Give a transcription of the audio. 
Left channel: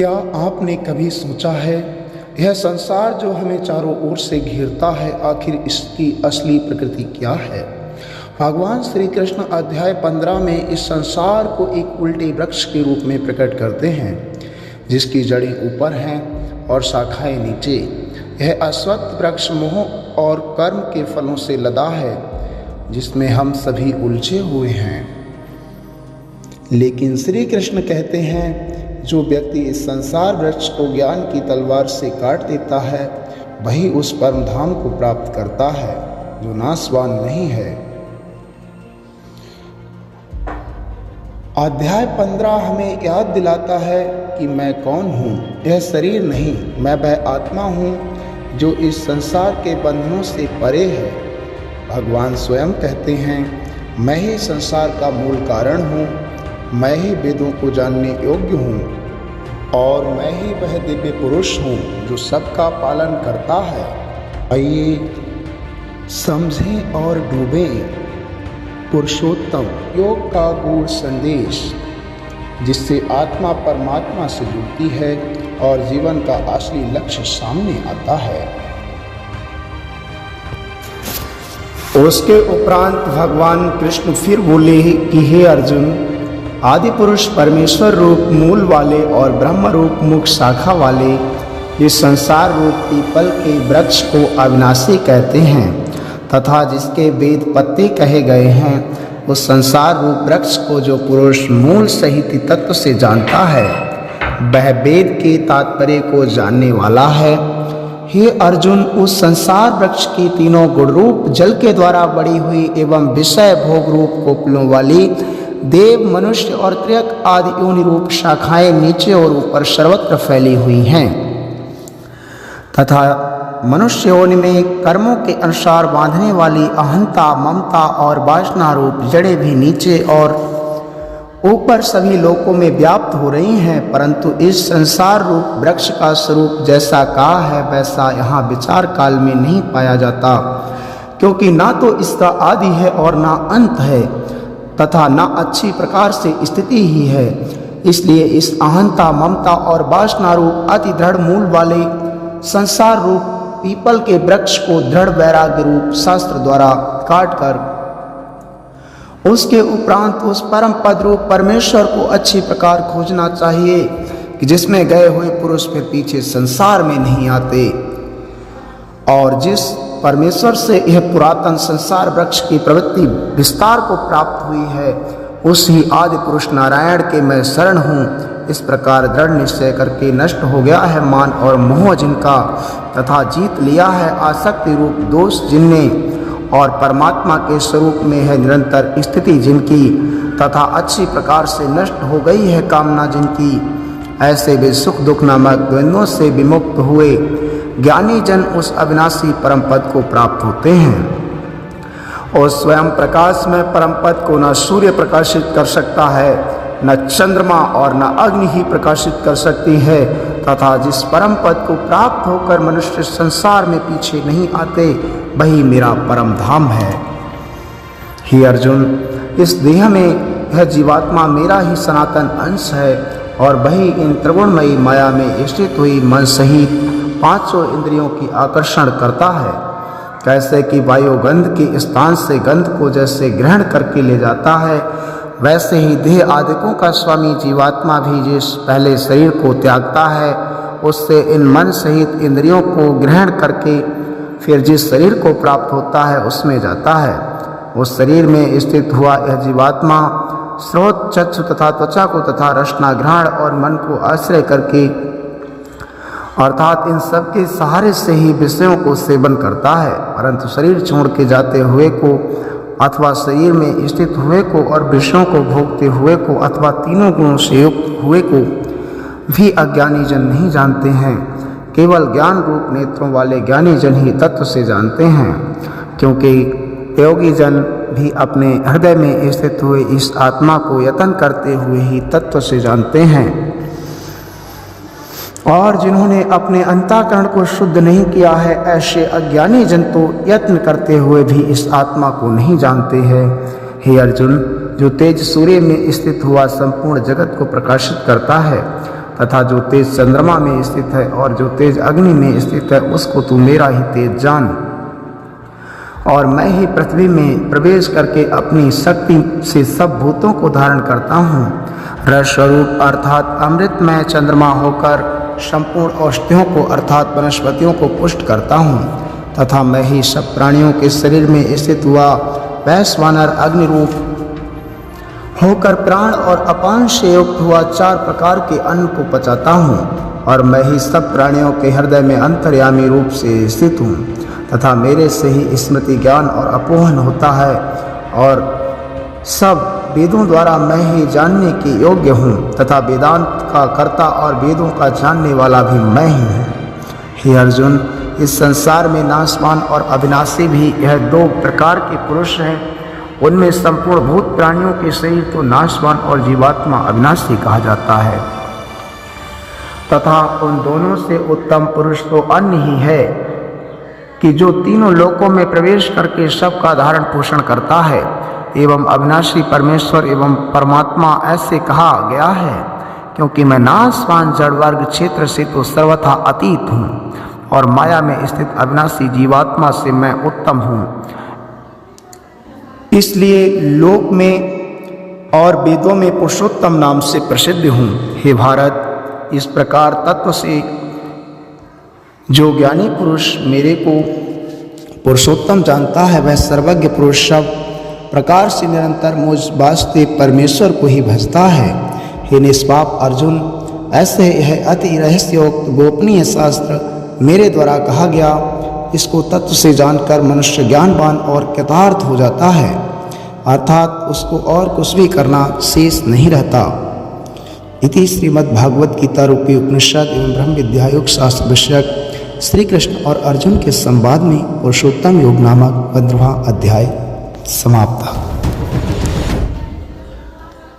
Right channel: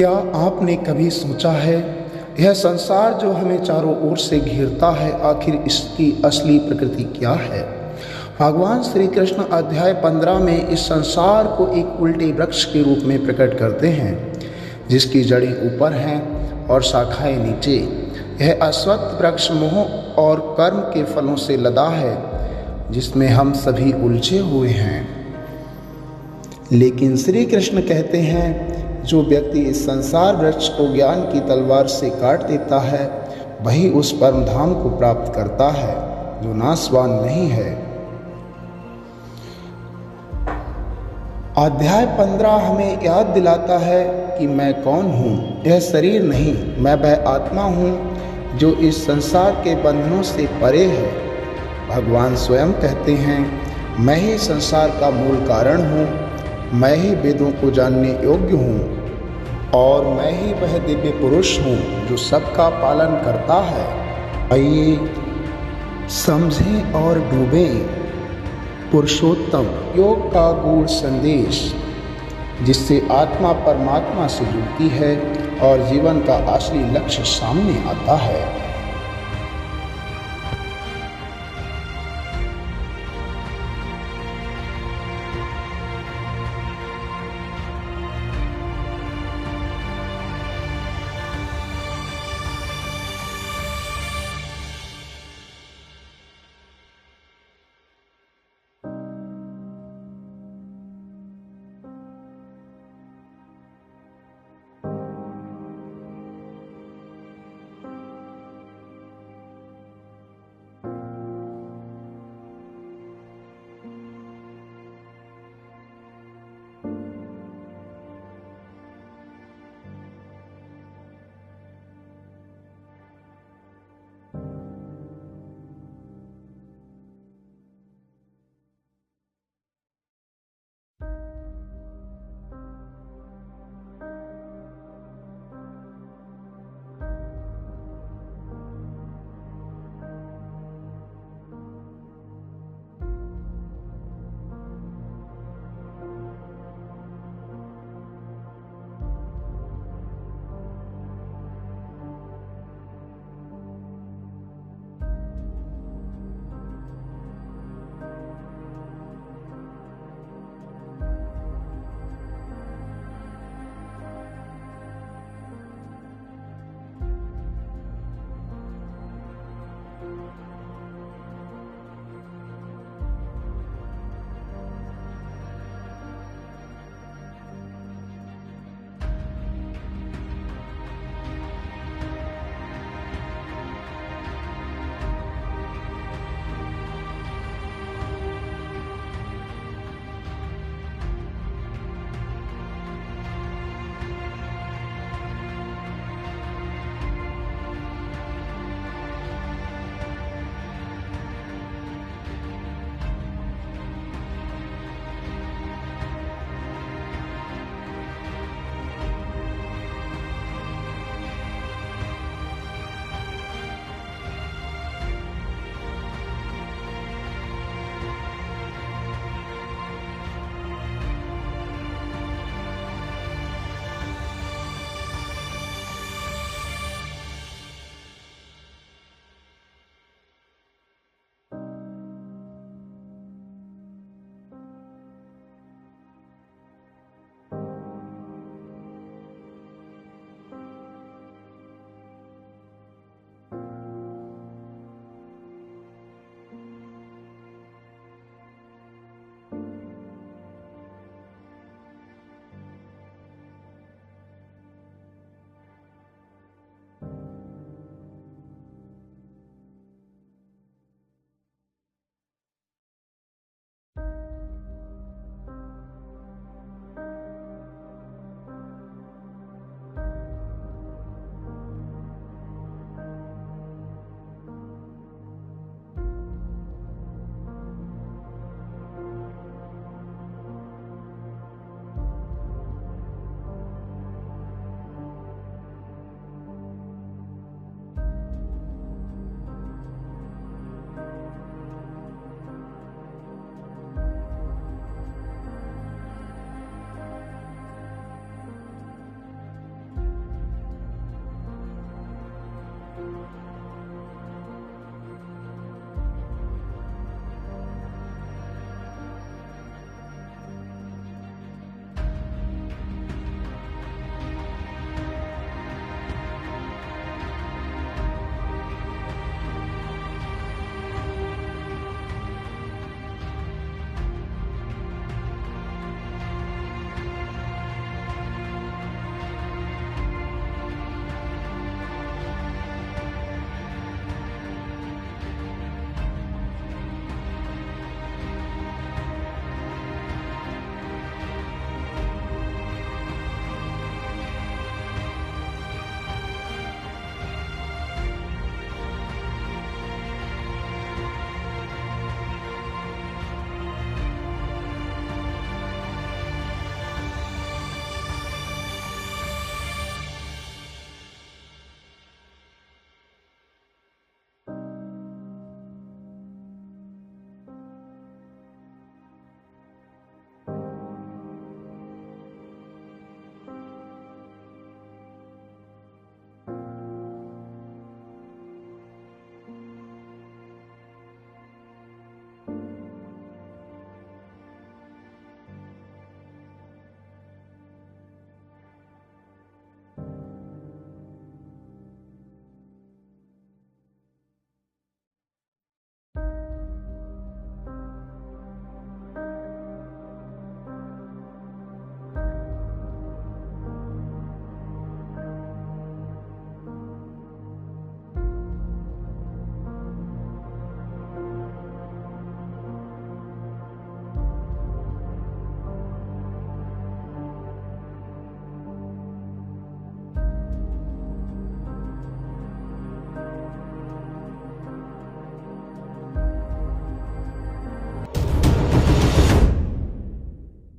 क्या आपने कभी सोचा है यह संसार जो हमें चारों ओर से घेरता है, आखिर इसकी असली प्रकृति क्या है? भगवान श्री कृष्ण अध्याय 15 में इस संसार को एक उल्टे वृक्ष के रूप में प्रकट करते हैं, जिसकी जड़ें ऊपर हैं और शाखाएं नीचे। यह अश्वत्थ वृक्ष मोह और कर्म के फलों से लदा है, जिसमें हम सभी उलझे हुए हैं। लेकिन श्री कृष्ण कहते हैं, जो व्यक्ति इस संसार वृक्ष को ज्ञान की तलवार से काट देता है, वही उस परम धाम को प्राप्त करता है जो नाशवान नहीं है। अध्याय 15 हमें याद दिलाता है कि मैं कौन हूँ। यह शरीर नहीं, मैं वह आत्मा हूँ जो इस संसार के बंधनों से परे है। भगवान स्वयं कहते हैं, मैं ही संसार का मूल कारण हूँ, मैं ही वेदों को जानने योग्य हूँ और मैं ही वह दिव्य पुरुष हूँ जो सबका पालन करता है। आइए समझें और डूबें पुरुषोत्तम योग का गूढ़ संदेश, जिससे आत्मा परमात्मा से जुड़ती है और जीवन का असली लक्ष्य सामने आता है। उसके उपरांत भगवान कृष्ण फिर बोले कि हे अर्जुन, आदि पुरुष परमेश्वर रूप मूल वाले और ब्रह्म रूप मुख्य शाखा वाले इस संसार रूप पीपल के वृक्ष को अविनाशी कहते हैं तथा जिसके वेद पत्ते कहे गए हैं, उस संसार रूप वृक्ष को जो पुरुष मूल सहित तत्व से जानता है, वह वेद के तात्पर्य को जानने वाला है। हे अर्जुन, उस संसार वृक्ष की तीनों गुण रूप जल के द्वारा बड़ी हुई एवं विषय भोग रूप कोपलों वाली देव, मनुष्य और त्र्यक आदि योनि रूप शाखाएं नीचे और ऊपर सर्वत्र फैली हुई हैं तथा मनुष्य योनि में कर्मों के अनुसार बांधने वाली अहंता, ममता और वासना रूप जड़ें भी नीचे और ऊपर सभी लोकों में व्याप्त हो रही हैं। परंतु इस संसार रूप वृक्ष का स्वरूप जैसा कहा है वैसा यहाँ विचार काल में नहीं पाया जाता, क्योंकि ना तो इसका आदि है और ना अंत है तथा न अच्छी प्रकार से स्थिति ही है। इसलिए इस अहंता, ममता और वासना रूप अति दृढ़ मूल वाले संसार रूप पीपल के वृक्ष को दृढ़ वैराग्य रूप शास्त्र द्वारा काट कर उसके उपरांत उस परम पद रूप परमेश्वर को अच्छी प्रकार खोजना चाहिए कि जिसमें गए हुए पुरुष फिर पीछे संसार में नहीं आते और जिस परमेश्वर से यह पुरातन संसार वृक्ष की प्रवृत्ति विस्तार को प्राप्त हुई है, उस ही आदि पुरुष नारायण के मैं शरण हूँ। इस प्रकार दृढ़ निश्चय करके नष्ट हो गया है मान और मोह जिनका तथा जीत लिया है आसक्ति रूप दोष जिनने और परमात्मा के स्वरूप में है निरंतर स्थिति जिनकी तथा अच्छी प्रकार से नष्ट हो गई है कामना जिनकी, ऐसे वे सुख दुख नामक द्वंद्वों से विमुक्त हुए ज्ञानी जन उस अविनाशी परम पद को प्राप्त होते हैं। और स्वयं प्रकाश में परम पद को न सूर्य प्रकाशित कर सकता है, न चंद्रमा और न अग्नि ही प्रकाशित कर सकती है तथा जिस परम पद को प्राप्त होकर मनुष्य संसार में पीछे नहीं आते, वही मेरा परम धाम है। हे अर्जुन, इस देह में यह जीवात्मा मेरा ही सनातन अंश है और वही इन त्रिगुणमयी माया में स्थित हुई मन सहित 500 इंद्रियों की आकर्षण करता है। कैसे कि वायु गंध के स्थान से गंध को जैसे ग्रहण करके ले जाता है, वैसे ही देह आदिकों का स्वामी जीवात्मा भी जिस पहले शरीर को त्यागता है, उससे इन मन सहित इंद्रियों को ग्रहण करके फिर जिस शरीर को प्राप्त होता है उसमें जाता है। उस शरीर में स्थित हुआ यह जीवात्मा स्रोत, चक्षु तथा त्वचा को तथा रसना, ग्रहण और मन को आश्रय करके अर्थात इन सब के सहारे से ही विषयों को सेवन करता है। परंतु शरीर छोड़ के जाते हुए को अथवा शरीर में स्थित हुए को और विषयों को भोगते हुए को अथवा तीनों गुणों से युक्त हुए को भी अज्ञानी जन नहीं जानते हैं। केवल ज्ञान रूप नेत्रों वाले ज्ञानी जन ही तत्व से जानते हैं, क्योंकि योगी जन भी अपने हृदय में स्थित हुए इस आत्मा को यत्न करते हुए ही तत्व से जानते हैं। और जिन्होंने अपने अंतःकरण को शुद्ध नहीं किया है, ऐसे अज्ञानी जन तो यत्न करते हुए भी इस आत्मा को नहीं जानते हैं। हे अर्जुन, जो तेज सूर्य में स्थित हुआ संपूर्ण जगत को प्रकाशित करता है तथा जो तेज चंद्रमा में स्थित है और जो तेज अग्नि में स्थित है उसको तू मेरा ही तेज जान। और मैं ही पृथ्वी में प्रवेश करके अपनी शक्ति से सब भूतों को धारण करता हूँ। रस स्वरूप अर्थात अमृतमय चंद्रमा होकर संपूर्ण औषधियों को अर्थात वनस्पतियों को पुष्ट करता हूँ, तथा मैं ही सब प्राणियों के शरीर में स्थित हुआ वैश्वानर अग्नि रूप होकर प्राण और अपान से युक्त हुआ 4 प्रकार के अन्न को पचाता हूँ। और मैं ही सब प्राणियों के हृदय में अंतर्यामी रूप से स्थित हूँ, तथा मेरे से ही स्मृति ज्ञान और अपोहन होता है, और सब वेदों द्वारा मैं ही जानने के योग्य हूँ, तथा वेदांत का कर्ता और वेदों का जानने वाला भी मैं ही हूँ। हे अर्जुन, इस संसार में नाशवान और अविनाशी भी यह 2 प्रकार के पुरुष हैं। उनमें संपूर्ण भूत प्राणियों के शरीर तो नाशवान और जीवात्मा अविनाशी कहा जाता है, तथा उन दोनों से उत्तम पुरुष तो अन्य ही है कि जो तीनों लोकों में प्रवेश करके सबका धारण पोषण करता है। एवं अविनाशी परमेश्वर एवं परमात्मा ऐसे कहा गया है क्योंकि मैं नाशवान जड़ वर्ग क्षेत्र से तो सर्वथा अतीत हूँ, और माया में स्थित अविनाशी जीवात्मा से मैं उत्तम हूँ। इसलिए लोक में और वेदों में पुरुषोत्तम नाम से प्रसिद्ध हूँ। हे भारत, इस प्रकार तत्व से जो ज्ञानी पुरुष मेरे को पुरुषोत्तम जानता है वह सर्वज्ञ पुरुष सब प्रकार से निरंतर मुझ वास्तव परमेश्वर को ही भजता है। हे निष्पाप अर्जुन, ऐसे यह अति रहस्योक्त गोपनीय शास्त्र मेरे द्वारा कहा गया, इसको तत्व से जानकर मनुष्य ज्ञानवान और कृतार्थ हो जाता है, अर्थात उसको और कुछ भी करना शेष नहीं रहता। इति श्रीमद्भागवत गीता रूपी उपनिषद एवं ब्रह्म विद्यायोग शास्त्र विषयक श्री कृष्ण और अर्जुन के संवाद में पुरुषोत्तम योग नामक 15वां अध्याय समाप्त।